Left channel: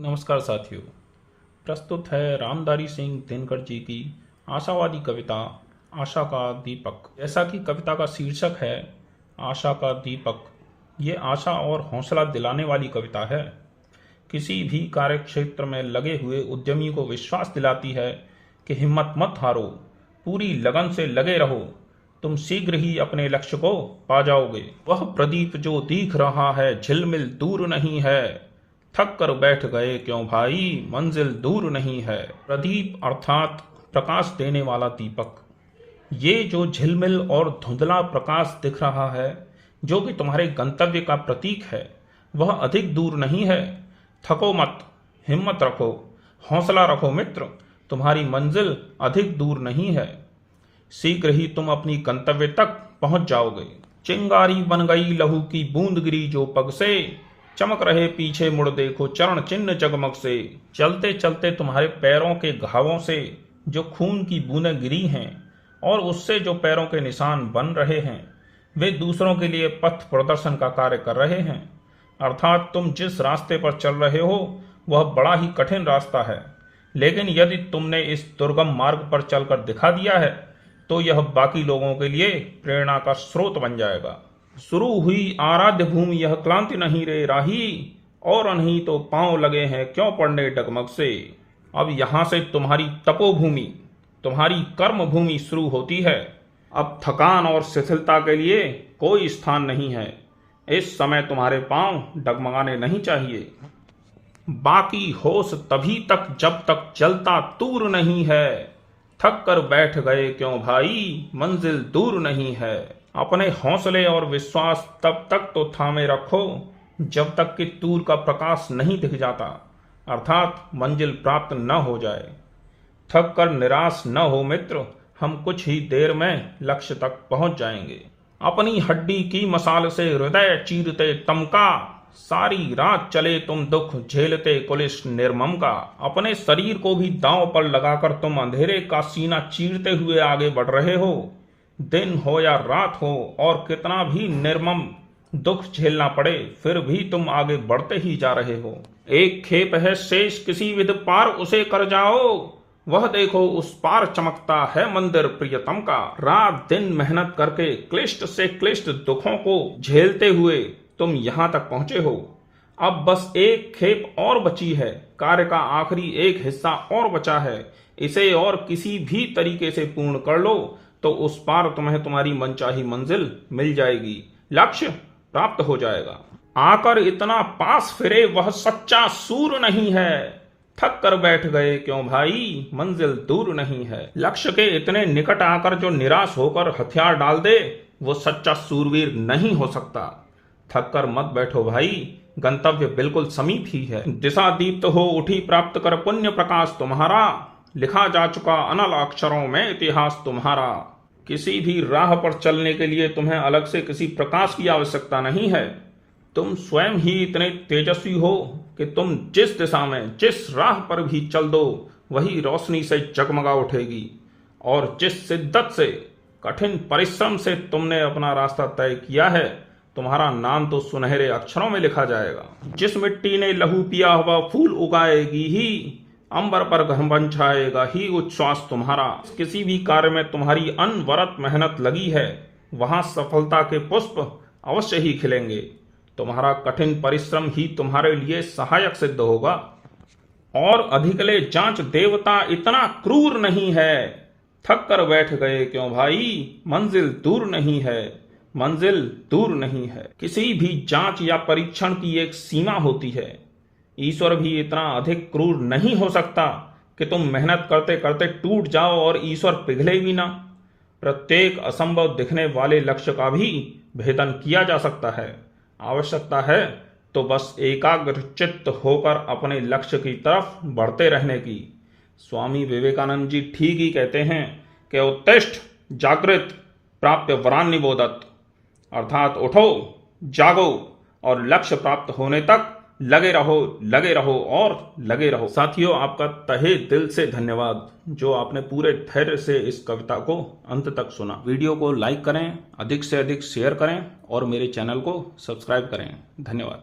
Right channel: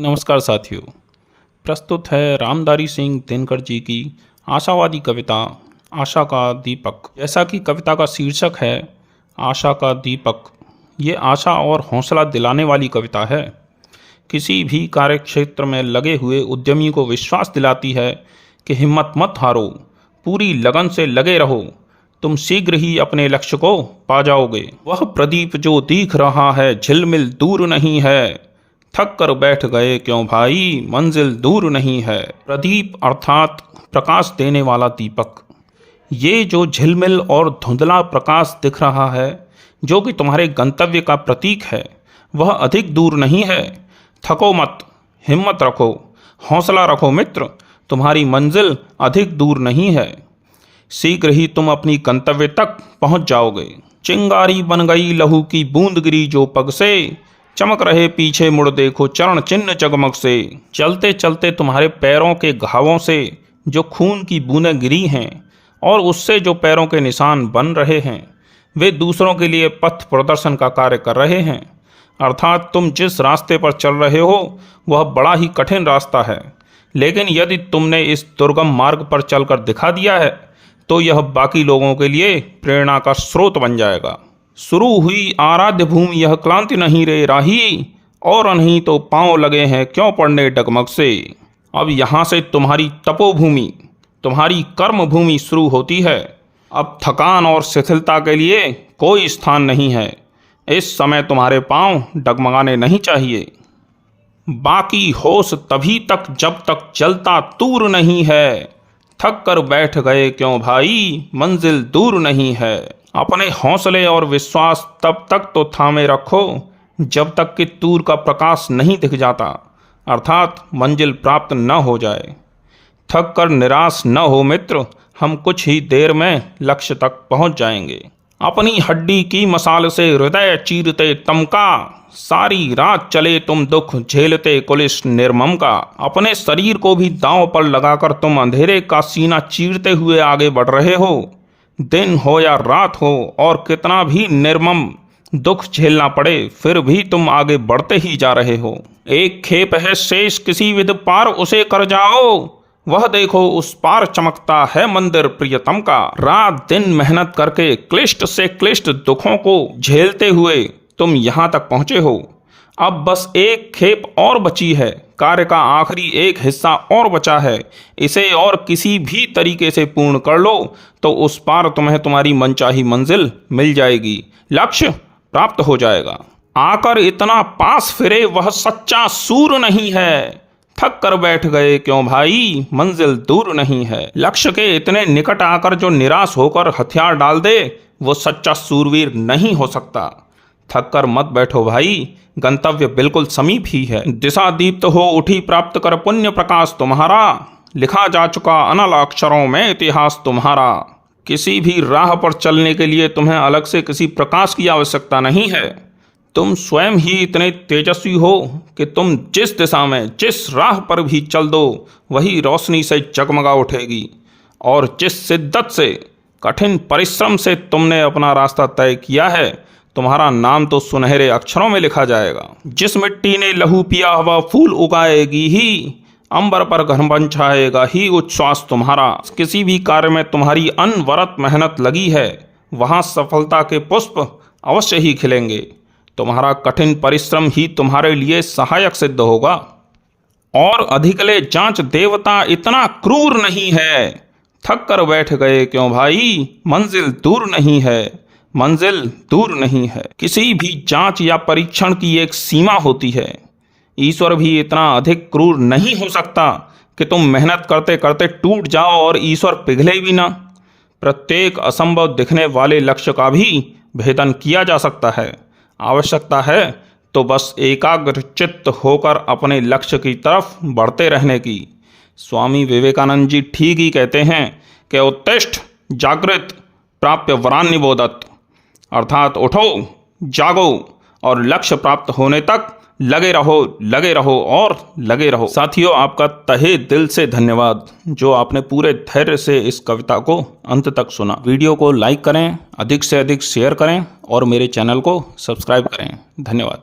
नमस्कार साथियों, प्रस्तुत है रामधारी सिंह दिनकर जी की आशावादी कविता आशा का दीपक। जैसा कि कविता का शीर्षक है आशा का दीपक, ये आशा और हौसला दिलाने वाली कविता है। किसी भी कार्य क्षेत्र में लगे हुए उद्यमी को विश्वास दिलाती है कि हिम्मत मत हारो, पूरी लगन से लगे रहो, तुम शीघ्र ही अपने लक्ष्य को पा जाओगे। वह प्रदीप जो दिख रहा है झिलमिल दूर नहीं है, थक कर बैठ गए क्यों भाई, मंजिल दूर नहीं है। प्रदीप अर्थात प्रकाश देने वाला दीपक। ये जो झिलमिल और धुंधला प्रकाश दिख रहा है, जो कि तुम्हारे गंतव्य का प्रतीक है, वह अधिक दूर नहीं है। थको मत, हिम्मत रखो, हौसला रखो मित्र, तुम्हारी मंजिल अधिक दूर नहीं है। शीघ्र ही तुम अपनी गंतव्य तक पहुंच जाओगे। चिंगारी बन गई लहू की बूंद गिरी जो पग से, चमक रहे पीछे मुड़ देखो चरण चिन्ह जगमग से। चलते चलते तुम्हारे पैरों के घावों से जो खून की बूंदें गिरी हैं और उससे जो पैरों के निशान बन रहे हैं, वे दूसरों के लिए पथ प्रदर्शन का कार्य कर रहे हैं। अर्थात तुम जिस रास्ते पर चल रहे हो वह बड़ा ही कठिन रास्ता है, लेकिन यदि तुमने इस दुर्गम मार्ग पर चलकर दिखा दिया है तो यह बाकी लोगों के लिए प्रेरणा का स्रोत बन जाएगा। शुरू हुई आराध्य भूमि यह क्लांति नहीं रे राही, और नहीं तो पांव लगे हैं क्यों पड़ने डगमग से। अब यहाँ से तुम्हारी तपोभूमि, तुम्हारी कर्म भूमि शुरू होती है। अब थकान और शिथिलता के लिए कोई स्थान नहीं है। इस समय तुम्हारे पांव डगमगाने नहीं चाहिए। बाकी होश तभी तक जब तक जलता तूर नहीं है, थक कर बैठ गए क्यों भाई, मंजिल दूर नहीं है। अपने हौसले और विश्वास तब तक तो थामे रखो जब तक कि तूर का प्रकाश नहीं दिख जाता, अर्थात मंजिल प्राप्त न हो जाए। थक कर निराश न हो मित्र, हम कुछ ही देर में लक्ष्य तक पहुंच जाएंगे। अपनी हड्डी की मसाल से हृदय चीरते तमका, सारी रात चले तुम दुख झेलते कुलिश निर्मम का। अपने शरीर को भी दांव पर लगाकर तुम अंधेरे का सीना चीरते हुए आगे बढ़ रहे हो। दिन हो या रात हो और कितना भी निर्मम दुख झेलना पड़े, फिर भी तुम आगे बढ़ते ही जा रहे हो। एक खेप है शेष किसी विध पार उसे कर जाओ, वह देखो उस पार चमकता है मंदिर प्रियतम का। रात दिन मेहनत करके क्लिष्ट से क्लिष्ट दुखों को झेलते हुए तुम यहाँ तक पहुँचे हो। अब बस एक खेप और बची है, कार्य का आखिरी एक हिस्सा और बचा है। इसे और किसी भी तरीके से पूर्ण कर लो तो उस पार तुम्हें तुम्हारी मनचाही मंजिल मिल जाएगी, लक्ष्य प्राप्त हो जाएगा। आकर इतना पास फिरे वह सच्चा सूर नहीं है, थक कर बैठ गए क्यों भाई, मंजिल दूर नहीं है। लक्ष्य के इतने निकट आकर जो निराश होकर हथियार डाल दे वो सच्चा सूरवीर नहीं हो सकता। थक कर मत बैठो भाई, गंतव्य बिल्कुल समीप ही है। दिशा दीप्त हो उठी प्राप्त कर पुण्य प्रकाश तुम्हारा, लिखा जा चुका अनल अक्षरों में इतिहास तुम्हारा। किसी भी राह पर चलने के लिए तुम्हें अलग से किसी प्रकाश की आवश्यकता नहीं है। तुम स्वयं ही इतने तेजस्वी हो कि तुम जिस दिशा में जिस राह पर भी चल दो वही रोशनी से जगमगा उठेगी। और जिस शिद्दत से कठिन परिश्रम से तुमने अपना रास्ता तय किया है, तुम्हारा नाम तो सुनहरे अक्षरों में लिखा जाएगा। जिस मिट्टी ने लहू पिया हवा फूल उगाएगी ही, अंबर पर घन छाएगा ही उच्छ्वास तुम्हारा। किसी भी कार्य में तुम्हारी अनवरत मेहनत लगी है, वहां सफलता के पुष्प अवश्य ही खिलेंगे। तुम्हारा कठिन परिश्रम ही तुम्हारे लिए सहायक सिद्ध होगा। और अधिकले जांच देवता इतना क्रूर नहीं है, थक कर बैठ गए क्यों भाई, मंजिल दूर नहीं है, मंजिल दूर नहीं है। किसी भी जांच या परीक्षण की एक सीमा होती है। ईश्वर भी इतना अधिक क्रूर नहीं हो सकता कि तुम मेहनत करते करते टूट जाओ और ईश्वर पिघले भी ना। प्रत्येक असंभव दिखने वाले लक्ष्य का भी भेदन किया जा सकता है। आवश्यकता है तो बस एकाग्र चित्त होकर अपने लक्ष्य की तरफ बढ़ते रहने की। स्वामी विवेकानंद जी ठीक ही कहते हैं कि उत्तिष्ठ जागृत प्राप्य वरान निबोधत, अर्थात उठो, जागो और लक्ष्य प्राप्त होने तक लगे रहो और लगे रहो। साथियों, आपका तहे दिल से धन्यवाद जो आपने पूरे धैर्य से इस कविता को अंत तक सुना। वीडियो को लाइक करें, अधिक से अधिक शेयर करें और मेरे चैनल को सब्सक्राइब करें। धन्यवाद।